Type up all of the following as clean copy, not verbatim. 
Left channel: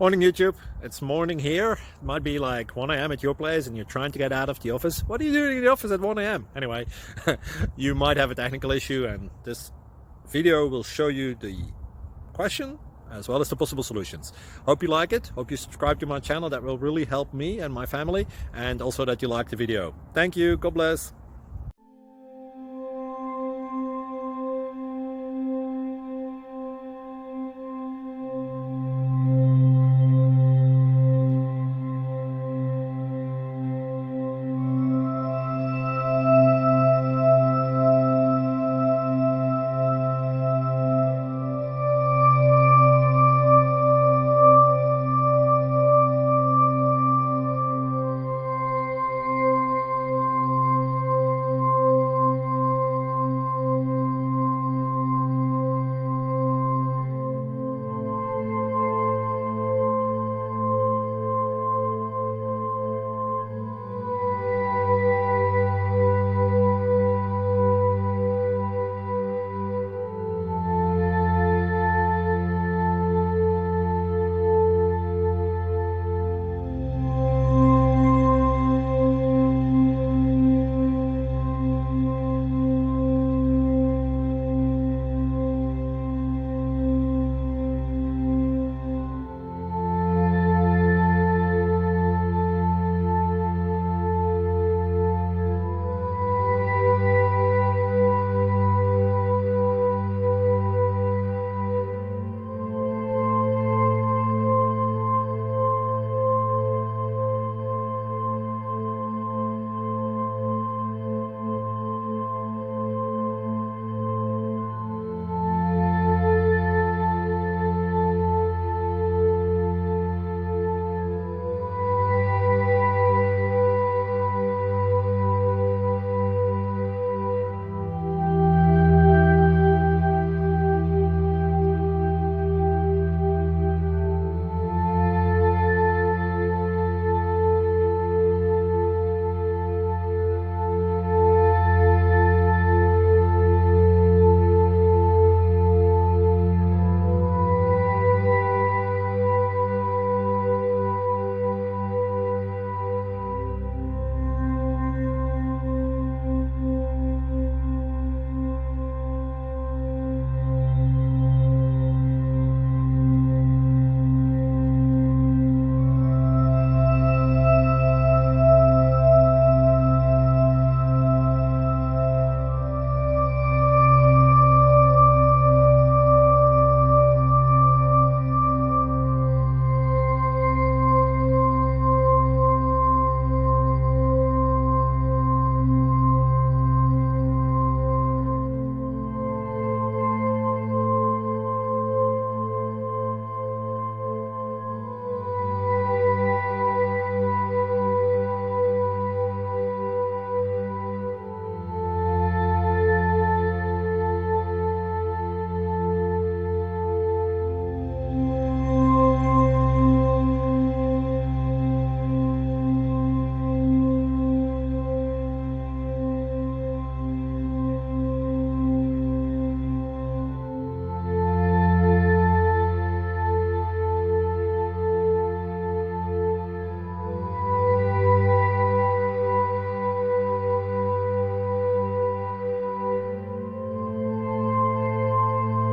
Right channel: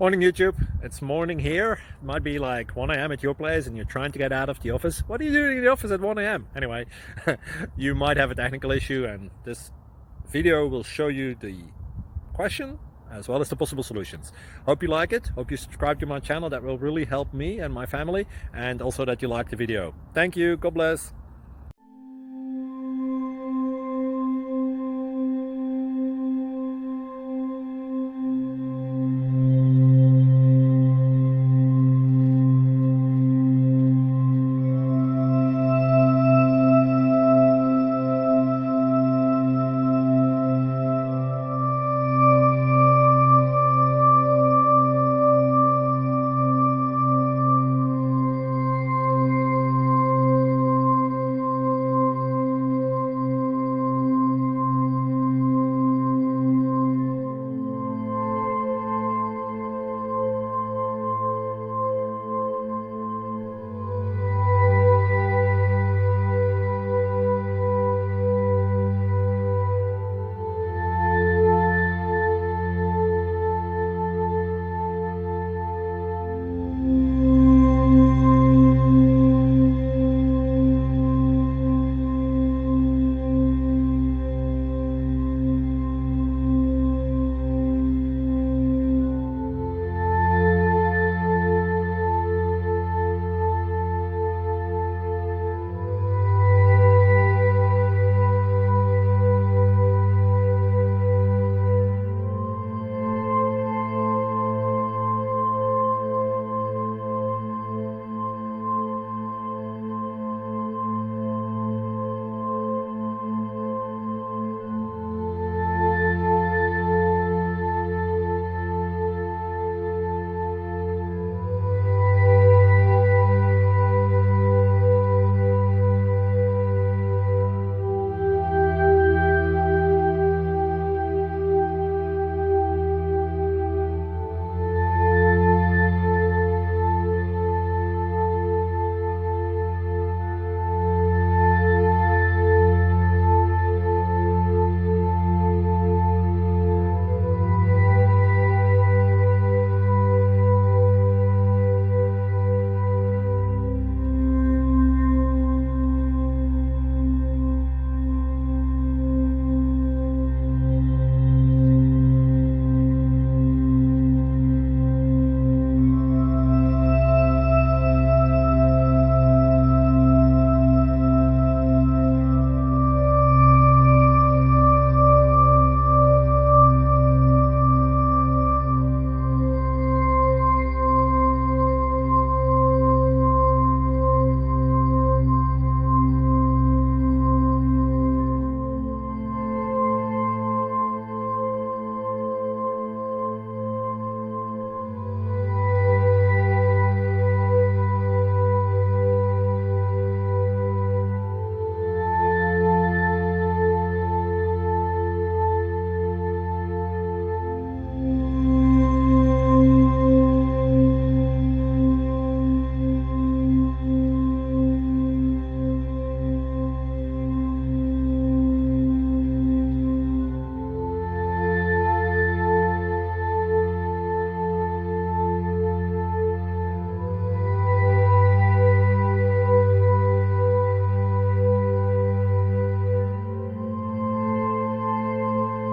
Morning YouTube, it's morning here. It might be like 1 a.m. at your place and you're trying to get out of the office. What are you doing in the office at 1 a.m.? Anyway, you might have a technical issue and this video will show you the question as well as the possible solutions. Hope you like it, hope you subscribe to my channel. That will really help me and my family, and also that you like the video. Thank you, God bless.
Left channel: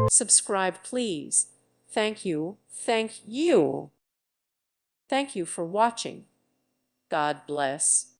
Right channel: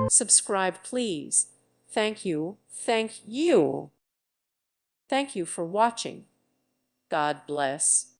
Subscribe, please. Thank you. Thank you. Thank you for watching. God bless.